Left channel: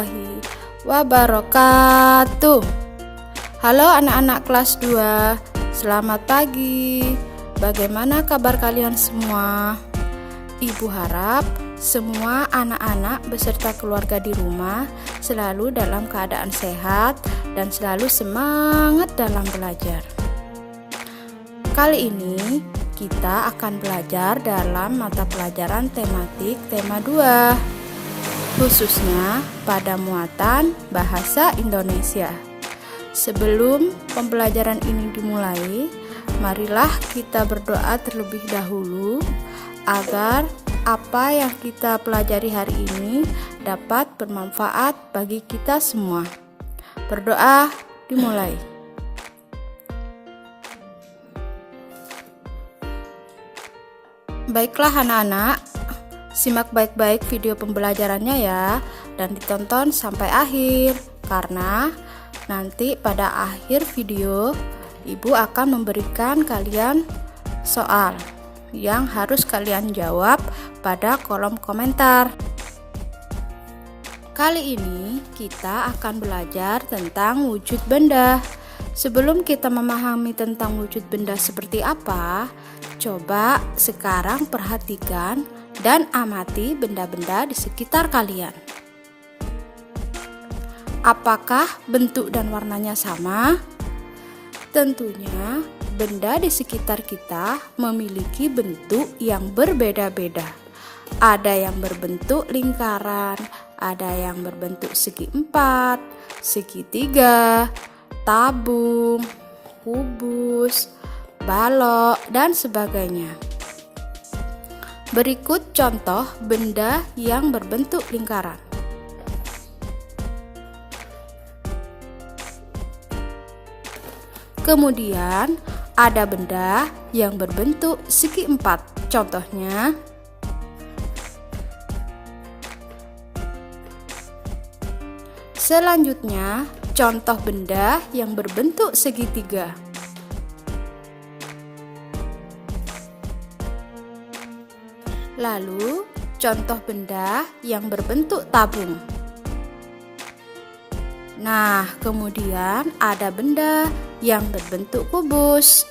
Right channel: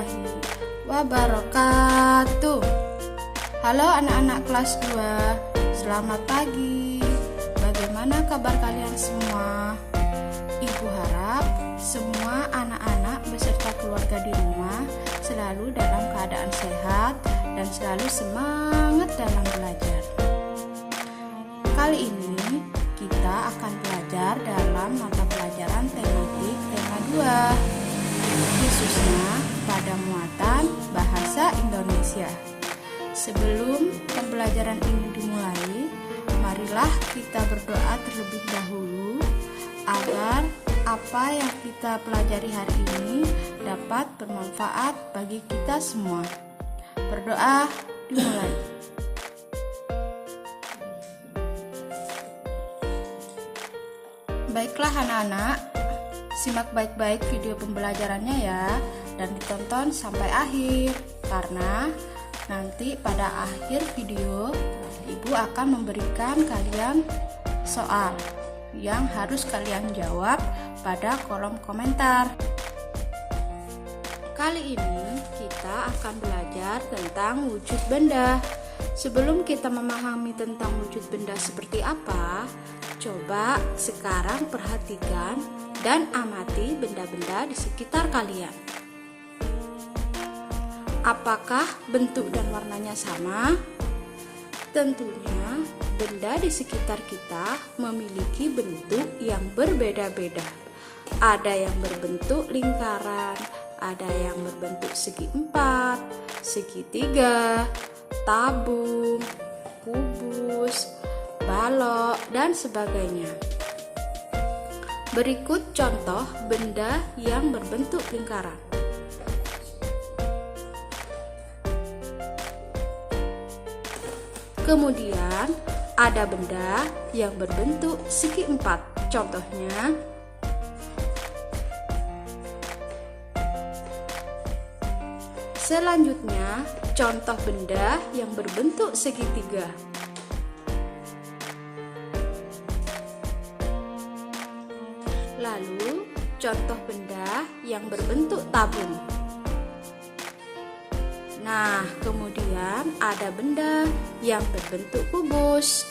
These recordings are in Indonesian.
warahmatullahi wabarakatuh. Halo anak-anak kelas 2, selamat pagi. Bagaimana kabar kalian semua? Ibu harap semua anak-anak beserta keluarga di rumah selalu dalam keadaan sehat dan selalu semangat dalam belajar. Kali ini kita akan belajar dalam mata pelajaran tematik tema 2, khususnya pada muatan bahasa Indonesia. Sebelum pembelajaran ini dimulai, marilah kita berdoa terlebih dahulu agar apa yang kita pelajari hari ini dapat bermanfaat bagi kita semua. Berdoa dimulai. Baiklah anak-anak, simak baik-baik video pembelajarannya ya, dan ditonton sampai akhir, karena nanti pada akhir video Ibu akan memberikan kalian soal yang harus kalian jawab pada kolom komentar. Kali ini kita akan belajar tentang wujud benda. Sebelum kita memahami tentang wujud benda seperti apa, coba sekarang perhatikan dan amati benda-benda di sekitar kalian. Apakah bentuk dan warnanya sama? Tentunya benda di sekitar kita memiliki bentuk yang berbeda-beda. Ada yang berbentuk lingkaran, ada yang berbentuk segi empat, segitiga, tabung, kubus, balok, dan sebagainya. Berikut contoh benda yang berbentuk lingkaran. Kemudian ada benda yang berbentuk segi empat. Contohnya selanjutnya contoh benda yang berbentuk segitiga. Lalu contoh benda yang berbentuk tabung. Nah, kemudian ada benda yang berbentuk kubus.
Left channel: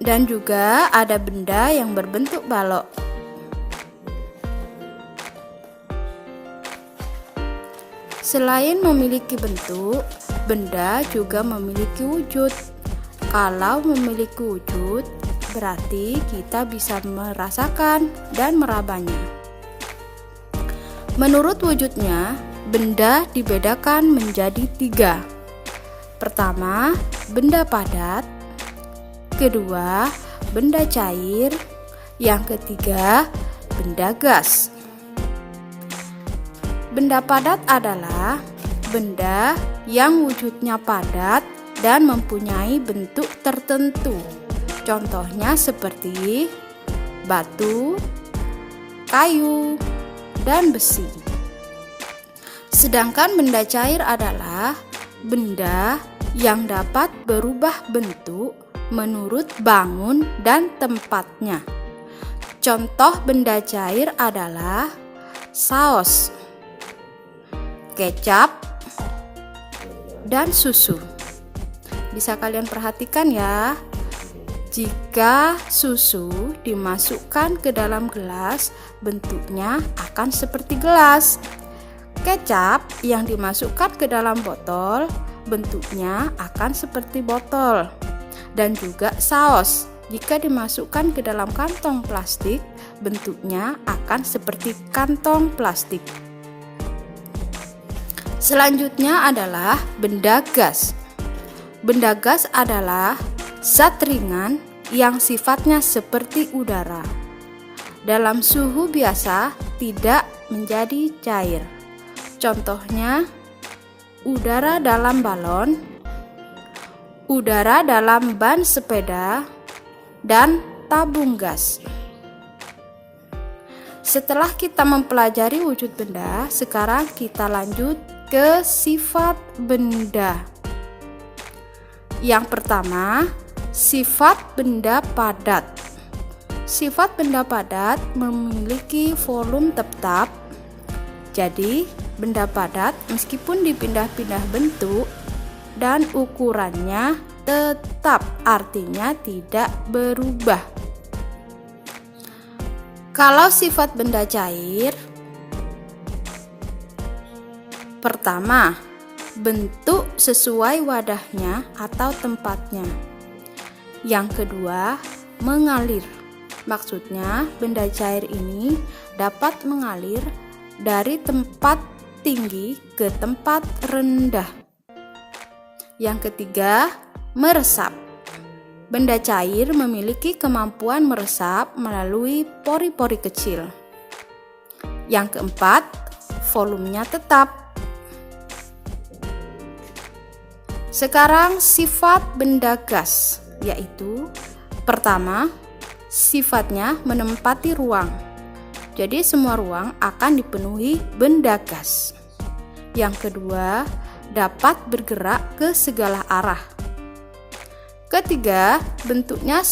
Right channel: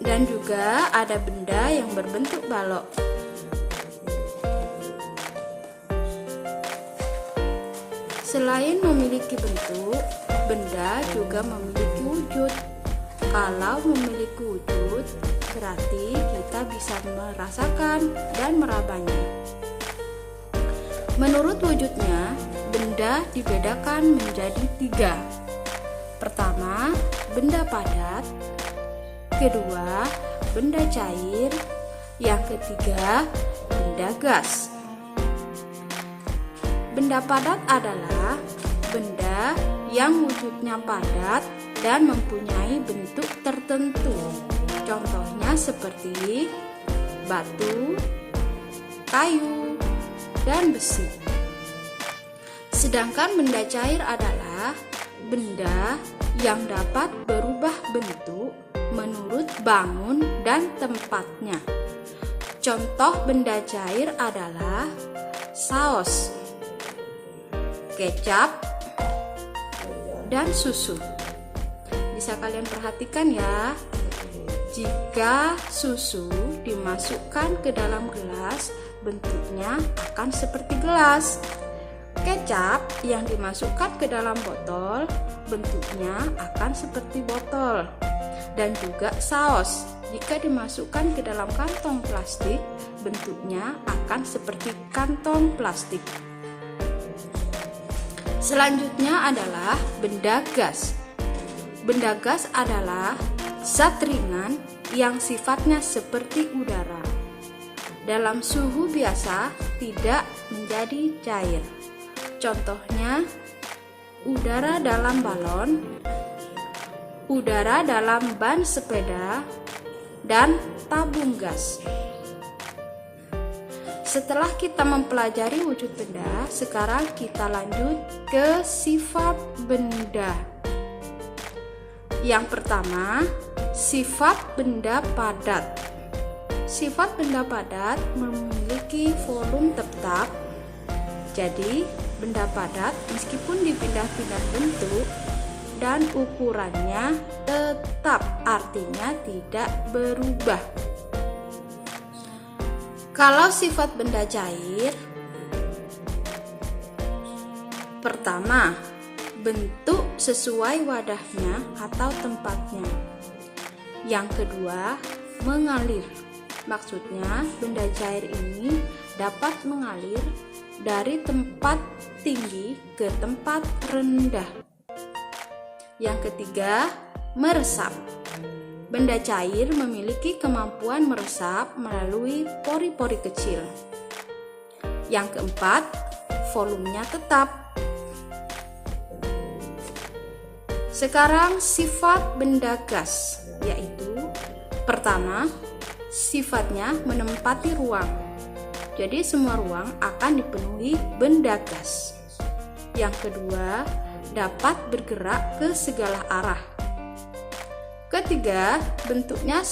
Dan juga ada benda yang berbentuk balok. Selain memiliki bentuk, benda juga memiliki wujud. Kalau memiliki wujud, berarti kita bisa merasakan dan merabanya. Menurut wujudnya, benda dibedakan menjadi 3. Pertama, benda padat. Kedua, benda cair. Yang ketiga, benda gas. Benda padat adalah benda yang wujudnya padat dan mempunyai bentuk tertentu. Contohnya seperti batu, kayu, dan besi. Sedangkan benda cair adalah benda yang dapat berubah bentuk menurut bangun dan tempatnya. Contoh benda cair adalah saus, kecap, dan susu. Bisa kalian perhatikan ya, jika susu dimasukkan ke dalam gelas, bentuknya akan seperti gelas. Kecap yang dimasukkan ke dalam botol, bentuknya akan seperti botol. Dan juga saus, jika dimasukkan ke dalam kantong plastik, bentuknya akan seperti kantong plastik. Selanjutnya adalah benda gas. Benda gas adalah zat ringan yang sifatnya seperti udara. Dalam suhu biasa tidak menjadi cair. Contohnya, udara dalam balon, udara dalam ban sepeda, dan tabung gas. Setelah kita mempelajari wujud benda, sekarang kita lanjut ke sifat benda. Yang pertama, sifat benda padat. Sifat benda padat memiliki volume tetap. Jadi, benda padat meskipun dipindah-pindah bentuk dan ukurannya tetap, artinya tidak berubah. Kalau sifat benda cair, pertama, bentuk sesuai wadahnya atau tempatnya. Yang kedua, mengalir. Maksudnya, benda cair ini dapat mengalir dari tempat tinggi ke tempat rendah. Yang ketiga, meresap. Benda cair memiliki kemampuan meresap melalui pori-pori kecil. Yang keempat, volumenya tetap. Sekarang sifat benda gas, yaitu pertama, sifatnya menempati ruang. Jadi semua ruang akan dipenuhi benda gas. Yang kedua, dapat bergerak ke segala arah. Ketiga, bentuknya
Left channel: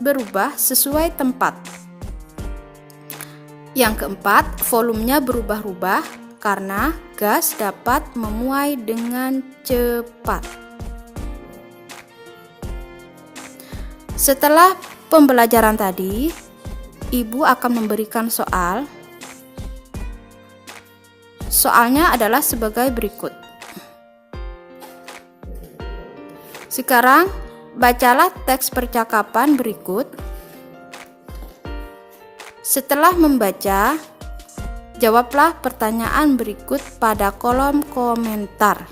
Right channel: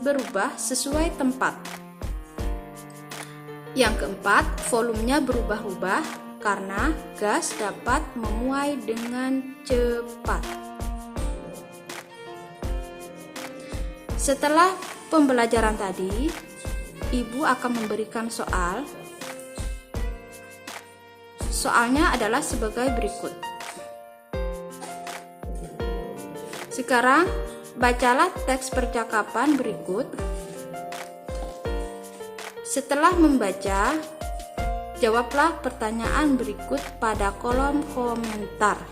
berubah sesuai tempat. Yang keempat, volumenya berubah-ubah karena gas dapat memuai dengan cepat. Setelah pembelajaran tadi, Ibu akan memberikan soal. Soalnya adalah sebagai berikut. Sekarang, bacalah teks percakapan berikut. Setelah membaca, jawablah pertanyaan berikut pada kolom komentar.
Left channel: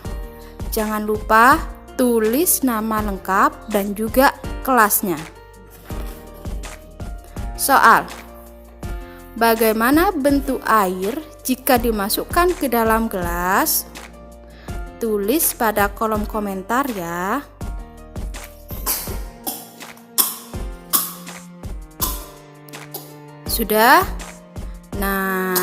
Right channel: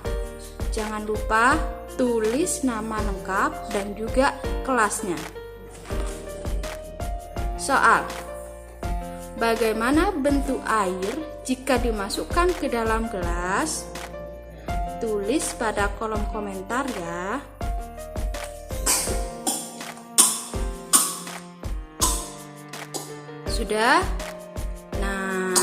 Jangan lupa tulis nama lengkap dan juga kelasnya. Soal: bagaimana bentuk air jika dimasukkan ke dalam gelas? Tulis pada kolom komentar ya. Sudah? Nah,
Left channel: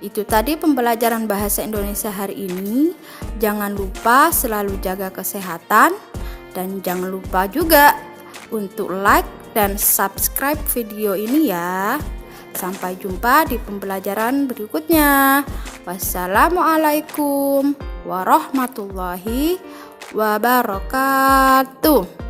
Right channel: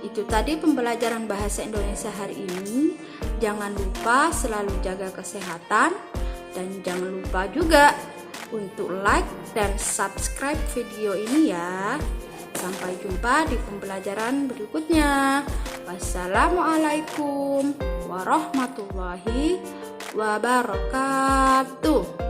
itu tadi pembelajaran bahasa Indonesia hari ini. Jangan lupa selalu jaga kesehatan dan jangan lupa juga untuk like dan subscribe video ini ya. Sampai jumpa di pembelajaran berikutnya. Wassalamualaikum warahmatullahi wabarakatuh.